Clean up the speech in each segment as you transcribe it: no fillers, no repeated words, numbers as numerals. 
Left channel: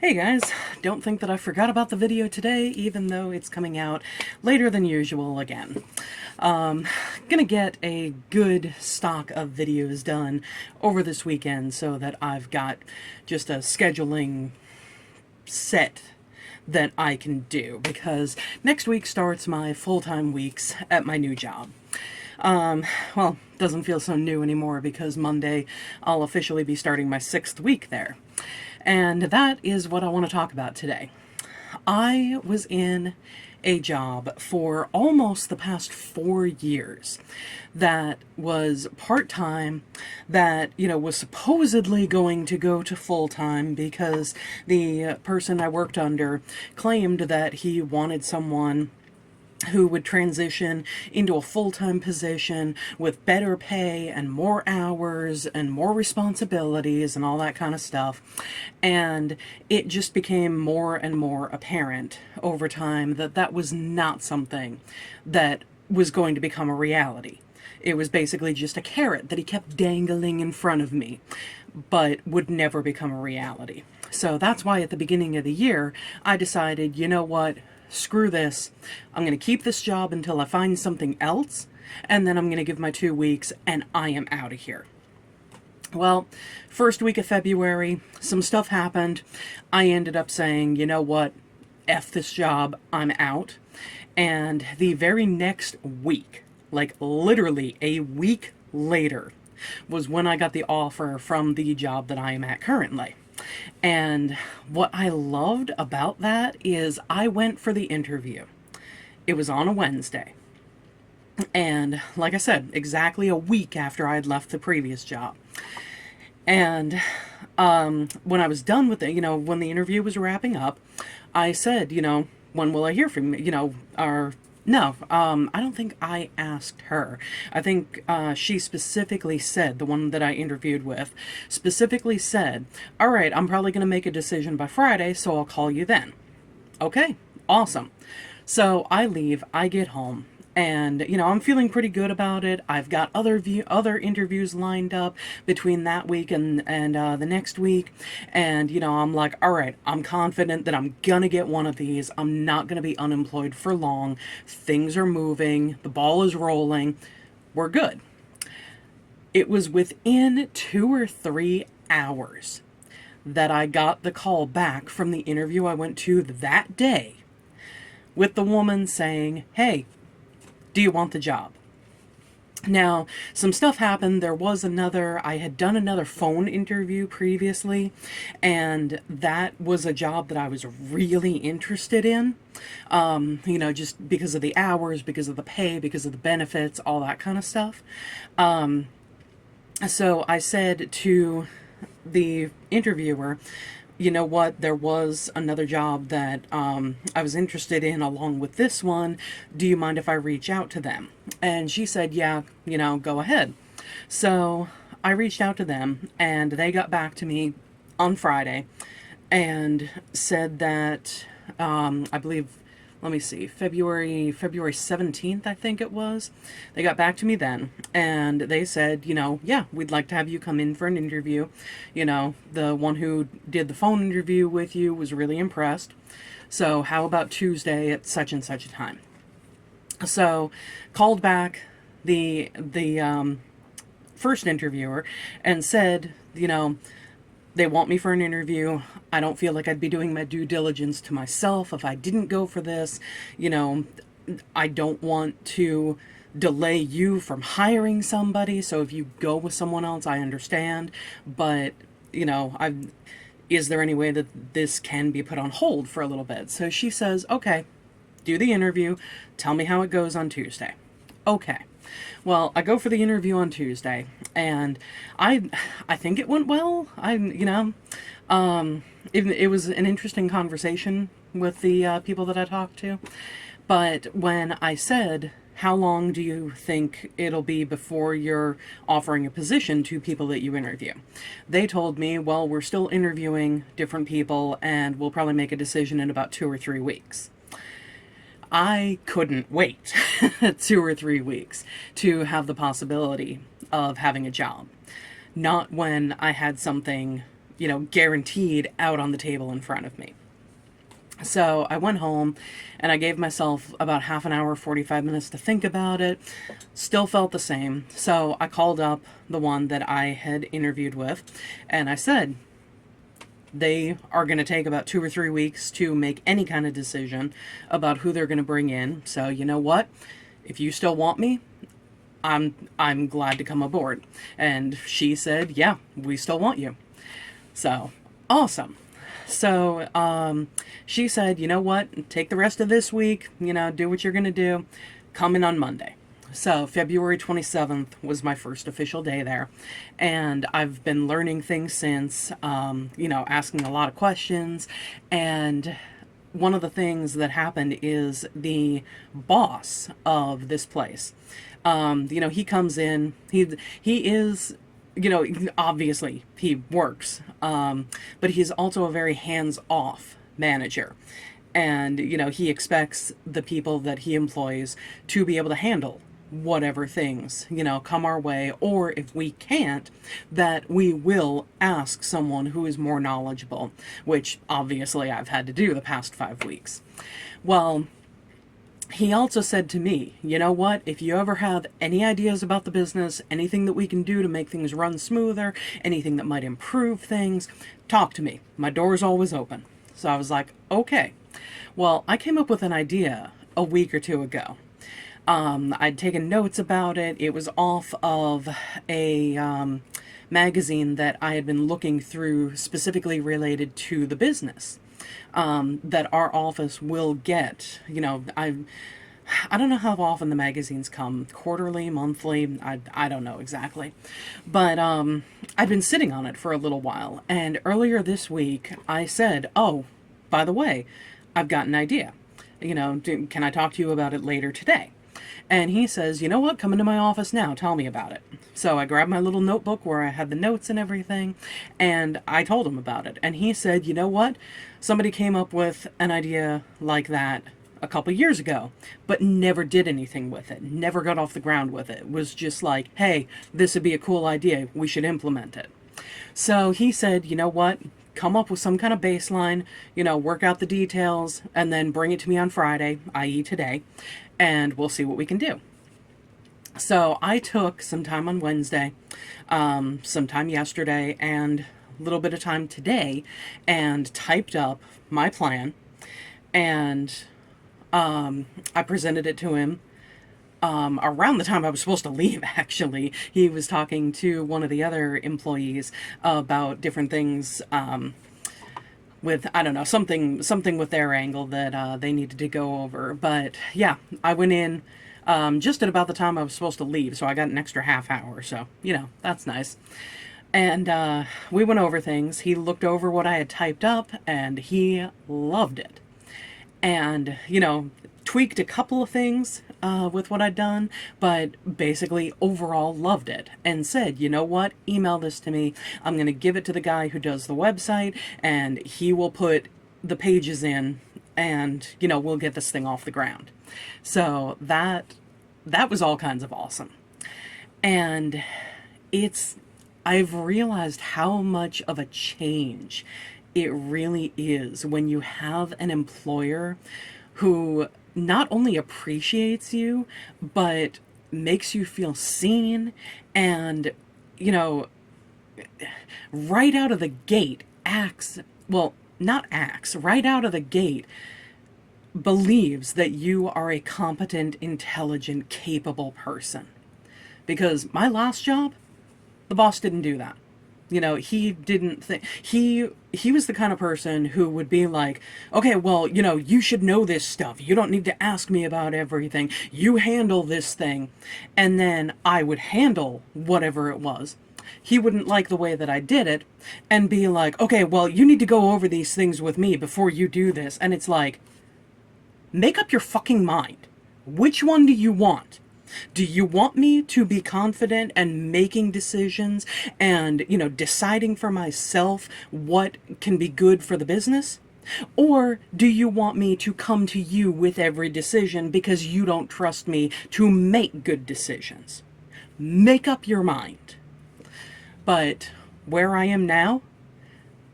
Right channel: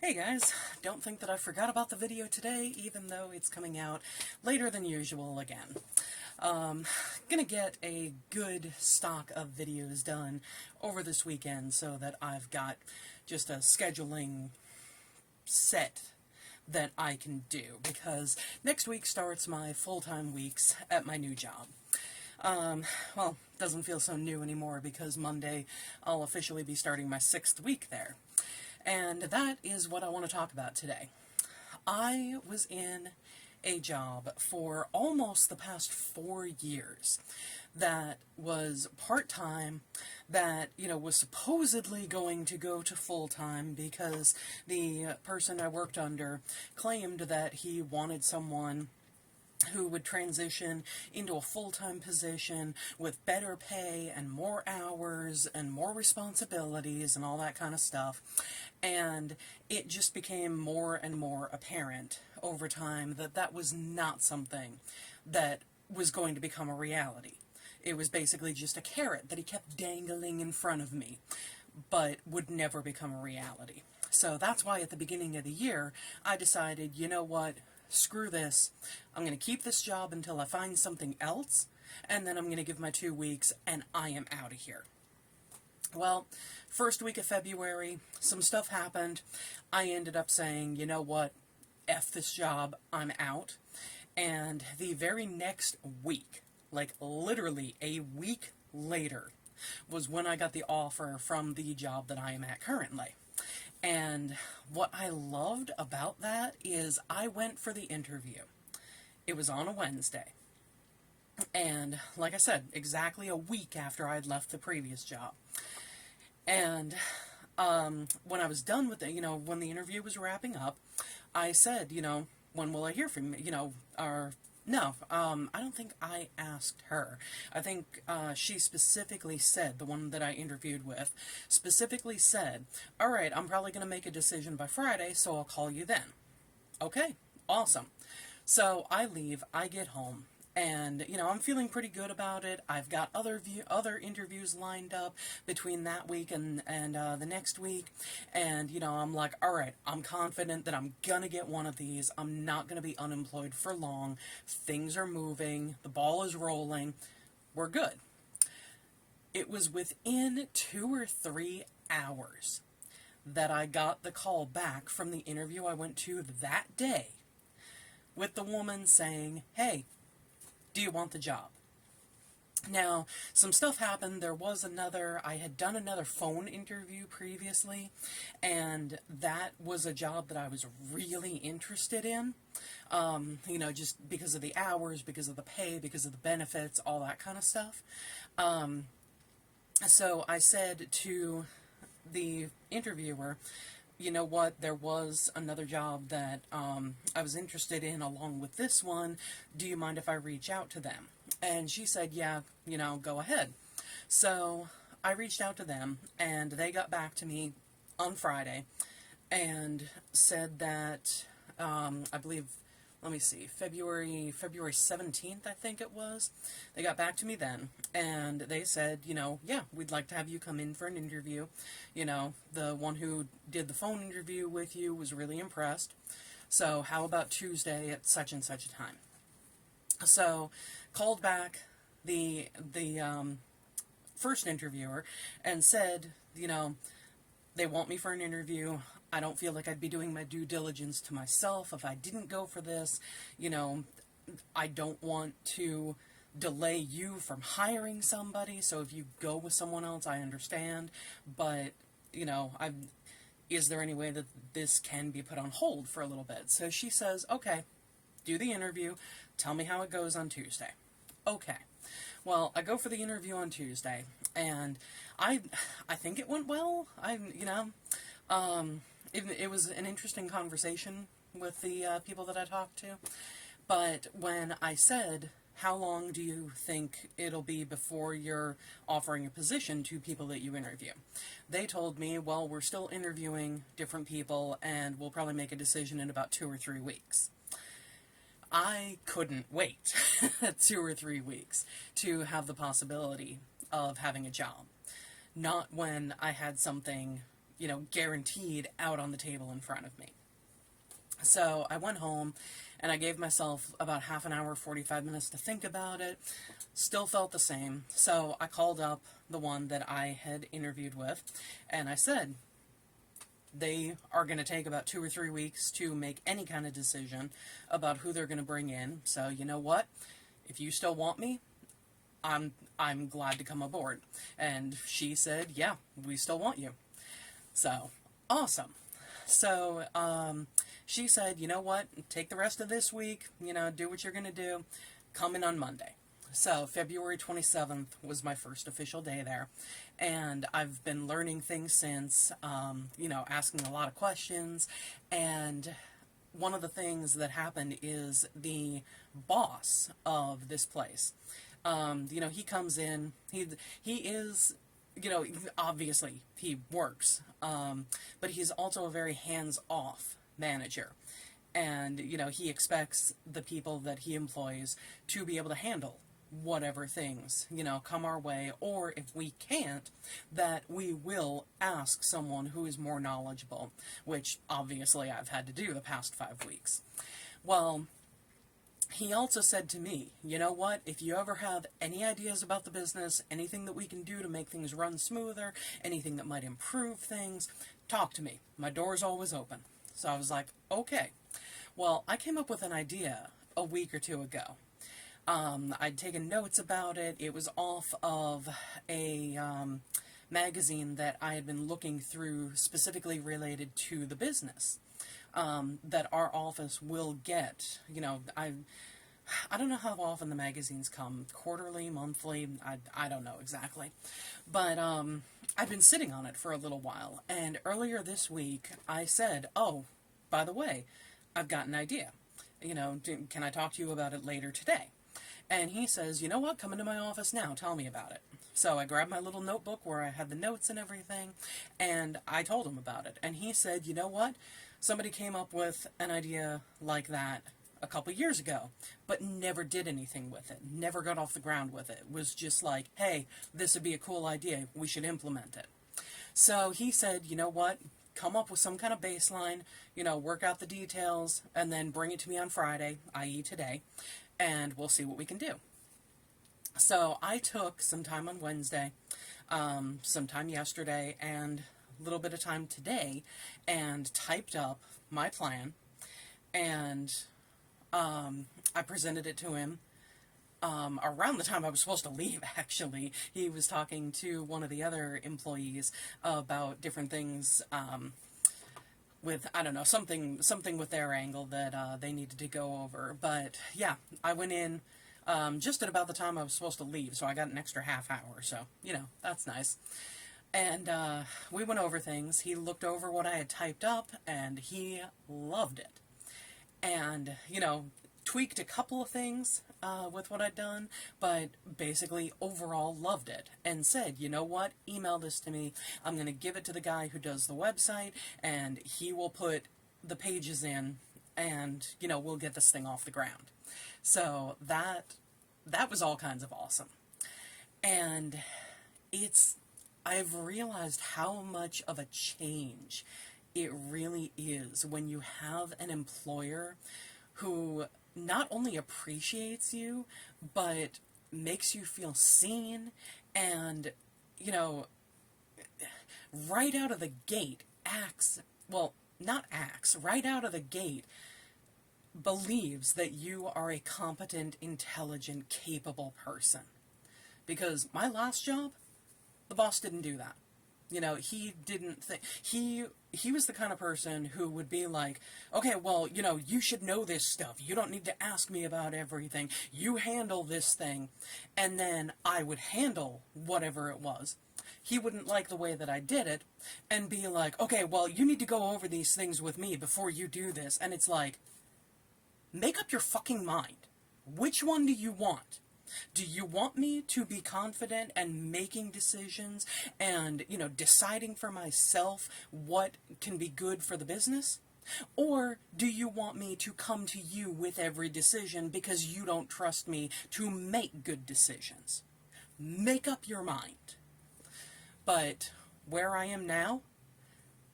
Hey guys, don't think that I forgot about the video today, even though it's coming out later than usual again. Um, gonna get a good stock of videos done over this weekend so that I've got just a scheduling set that I can do, because next week starts my full-time weeks at my new job. Well, doesn't feel so new anymore because Monday I'll officially be starting my 6th week there. And that is what I want to talk about today. I was in a job for almost the past 4 years that was part-time, that, was supposedly going to go to full-time because the person I worked under claimed that he wanted someone who would transition into a full-time position with better pay and more hours and more responsibilities and all that kind of stuff. And it just became more and more apparent over time that that was not something that was going to become a reality. It was basically just a carrot that he kept dangling in front of me, but would never become a reality. So that's why at the beginning of the year, I decided, you know what? Screw this. I'm going to keep this job until I find something else, and then I'm going to give my 2 weeks, and I am out of here. Well, first week of February, some stuff happened. I ended up saying, you know what? F this job. I'm out. And the very next week, like literally a week later, was when I got the offer from the job that I am at currently. And what I loved about that is I went for the interview. It was on a Wednesday. And like I said, exactly a week after I had left the previous job. And when I was done with it, when the interview was wrapping up, I said, when will I hear from you? Or no, I don't think I asked her. I think she specifically said, the one that I interviewed with, specifically said, all right, I'm probably going to make a decision by Friday, so I'll call you then. Okay, awesome. So I leave, I get home, and I'm feeling pretty good about it. I've got other interviews lined up between that week and the next week, and I'm like, all right, I'm confident that I'm gonna get one of these. I'm not gonna be unemployed for long. Things are moving, the ball is rolling, we're good. It was within 2 or 3 hours that I got the call back from the interview I went to that day, with the woman saying, hey, do you want the job? Now, some stuff happened. I had done another phone interview previously, and that was a job that I was really interested in. Just because of the hours, because of the pay, because of the benefits, all that kind of stuff. So I said to the interviewer, you know what, there was another job that I was interested in along with this one. Do you mind if I reach out to them? And she said, yeah, go ahead. So I reached out to them, and they got back to me on Friday and said that, I believe, let me see, February 17th, I think it was. They got back to me then, and they said, yeah, we'd like to have you come in for an interview. The one who did the phone interview with you was really impressed. So how about Tuesday at such and such a time? So called back the first interviewer and said, they want me for an interview. I don't feel like I'd be doing my due diligence to myself if I didn't go for this. I don't want to delay you from hiring somebody. So if you go with someone else, I understand. But, is there any way that this can be put on hold for a little bit? So she says, okay, do the interview. Tell me how it goes on Tuesday. Okay. Well, I go for the interview on Tuesday, and I think it went well. It was an interesting conversation with the people that I talked to. But when I said, how long do you think it'll be before you're offering a position to people that you interview? They told me, well, we're still interviewing different people, and we'll probably make a decision in about 2 or 3 weeks. I couldn't wait 2 or 3 weeks to have the possibility of having a job. Not when I had something guaranteed out on the table in front of me. So I went home and I gave myself about half an hour, 45 minutes to think about it. Still felt the same. So I called up the one that I had interviewed with and I said, they are going to take about 2 or 3 weeks to make any kind of decision about who they're going to bring in. So you know what? If you still want me, I'm glad to come aboard. And she said, yeah, we still want you. So awesome. So she said, you know what? Take the rest of this week, do what you're going to do. Come in on Monday. So February 27th was my first official day there. And I've been learning things since, asking a lot of questions. And one of the things that happened is the boss of this place, he comes in, he is, obviously he works, but he's also a very hands-off manager. And, he expects the people that he employs to be able to handle whatever things, come our way, or if we can't, that we will ask someone who is more knowledgeable, which obviously I've had to do the past 5 weeks. Well, he also said to me, you know what, if you ever have any ideas about the business, anything that we can do to make things run smoother, anything that might improve things, talk to me. My door is always open. So I was like, okay. Well, I came up with an idea a week or two ago. I'd taken notes about it. It was off of a magazine that I had been looking through specifically related to the business. That our office will get. I don't know how often the magazines come, quarterly, monthly, I don't know exactly. But I've been sitting on it for a little while, and earlier this week I said, oh, by the way, I've got an idea. Can I talk to you about it later today? And he says, you know what, come into my office now, tell me about it. So I grabbed my little notebook where I had the notes and everything, and I told him about it. And he said, you know what, somebody came up with an idea like that a couple years ago, but never did anything with it, never got off the ground with it. It was just like, hey, this would be a cool idea, we should implement it. So he said, you know what, come up with some kind of baseline, work out the details, and then bring it to me on Friday, i.e. today, and we'll see what we can do. So I took some time on Wednesday, some time yesterday, and a little bit of time today, and typed up my plan, and I presented it to him around the time I was supposed to leave, actually. He was talking to one of the other employees about different things, with, I don't know, something with their angle that they needed to go over. But yeah, I went in just at about the time I was supposed to leave, so I got an extra half hour, so, that's nice. And we went over things. He looked over what I had typed up, and he loved it. And, tweaked a couple of things with what I'd done, but basically overall loved it and said, you know what, email this to me. I'm going to give it to the guy who does the website, and he will put the pages in, and, we'll get this thing off the ground. So that was all kinds of awesome. And I've realized how much of a change it really is when you have an employer who not only appreciates you, but makes you feel seen, and, right out of the gate right out of the gate believes that you are a competent, intelligent, capable person. Because my last job, the boss didn't do that. He didn't think, he was the kind of person who would be like, okay, well, you should know this stuff. You don't need to ask me about everything. You handle this thing. And then I would handle whatever it was. He wouldn't like the way that I did it and be like, okay, well, you need to go over these things with me before you do this. And it's like, make up your fucking mind. Which one do you want? Do you want me to be confident and making decisions and, deciding for myself what can be good for the business? Or do you want me to come to you with every decision because you don't trust me to make good decisions? Make up your mind. But where I am now,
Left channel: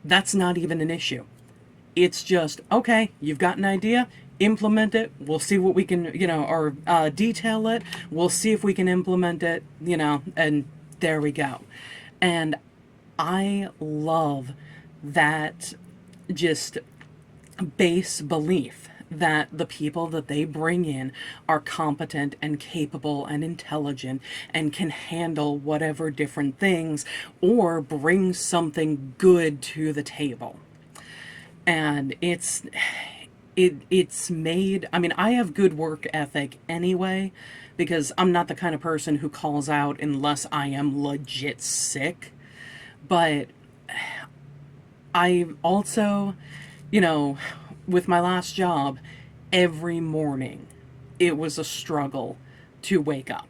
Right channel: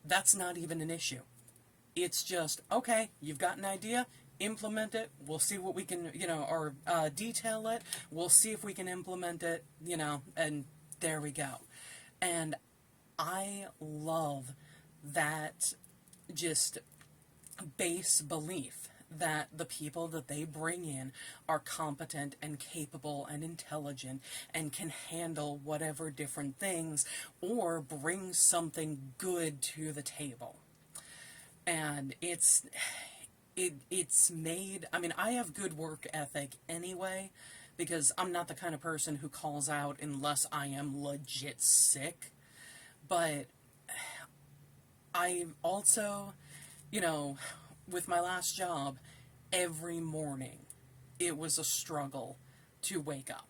That's not even an issue. It's just, okay, you've got an idea, implement it. We'll see what we can, or detail it. We'll see if we can implement it, and there we go. And I love that just base belief that the people that they bring in are competent and capable and intelligent and can handle whatever different things or bring something good to the table. And it's made, I mean, I have good work ethic anyway, because I'm not the kind of person who calls out unless I am legit sick. But I also, with my last job, every morning it was a struggle to wake up.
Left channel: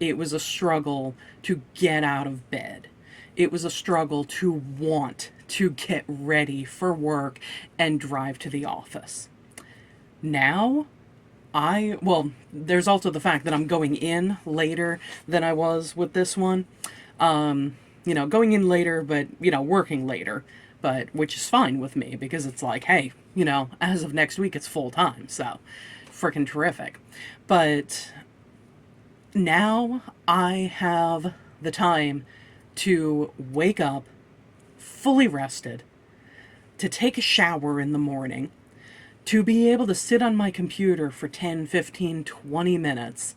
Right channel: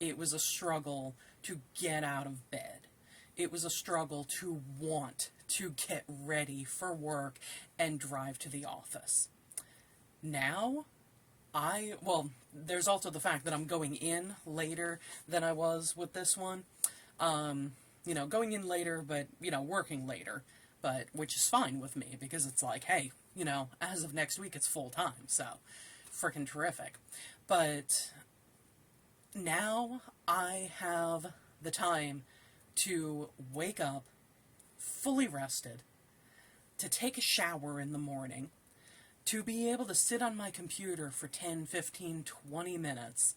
It was a struggle to get out of bed. It was a struggle to want to get ready for work and drive to the office. Now, well, there's also the fact that I'm going in later than I was with this one. Going in later, but, working later, but which is fine with me because it's like, hey, as of next week, it's full time. So freaking terrific. But now I have the time to wake up fully rested, to take a shower in the morning, to be able to sit on my computer for 10, 15, 20 minutes,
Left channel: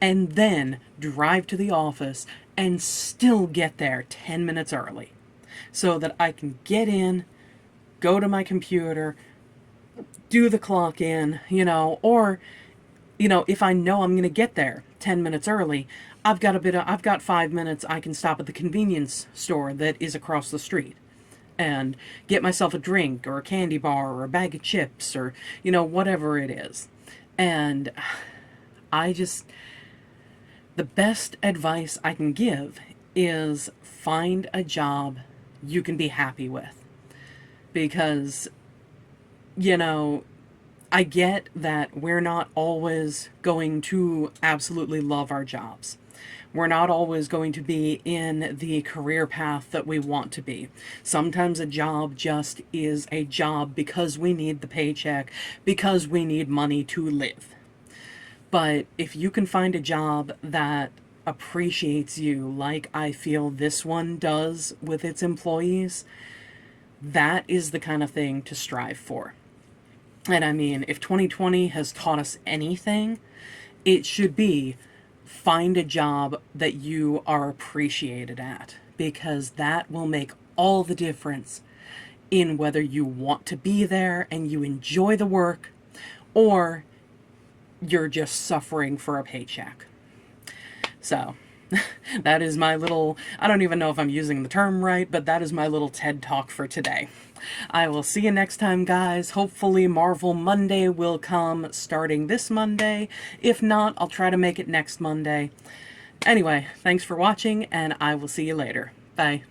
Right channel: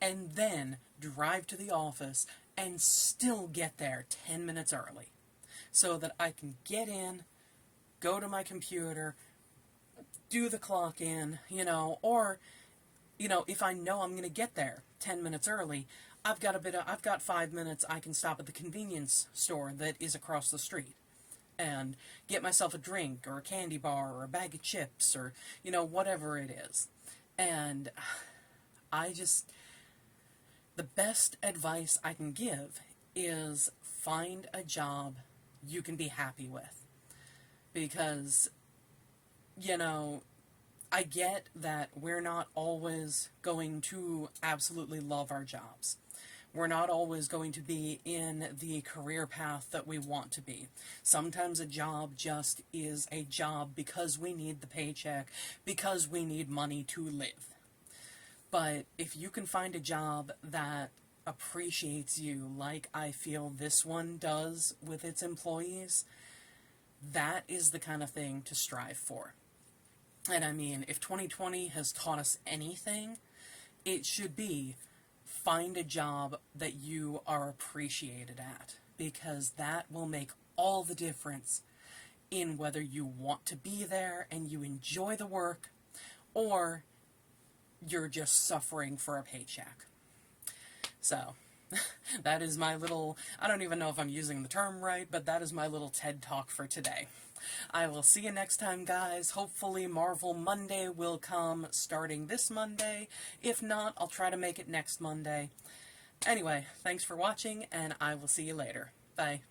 and then drive to the office and still get there 10 minutes early so that I can get in, go to my computer, do the clock in, or, if I know I'm going to get there 10 minutes early, I've got 5 minutes. I can stop at the convenience store that is across the street and get myself a drink or a candy bar or a bag of chips or, whatever it is. And the best advice I can give is find a job you can be happy with. Because, I get that we're not always going to absolutely love our jobs. We're not always going to be in the career path that we want to be. Sometimes a job just is a job because we need the paycheck, because we need money to live. But if you can find a job that appreciates you like I feel this one does with its employees, that is the kind of thing to strive for. And I mean, if 2020 has taught us anything, it should be find a job that you are appreciated at, because that will make all the difference in whether you want to be there and you enjoy the work or you're just suffering for a paycheck. So that is my little, I don't even know if I'm using the term right, but that is my little TED Talk for today. I will see you next time, guys. Hopefully Marvel Monday will come starting this Monday. If not, I'll try to make it next Monday. Anyway, thanks for watching, and I will see you later. Bye.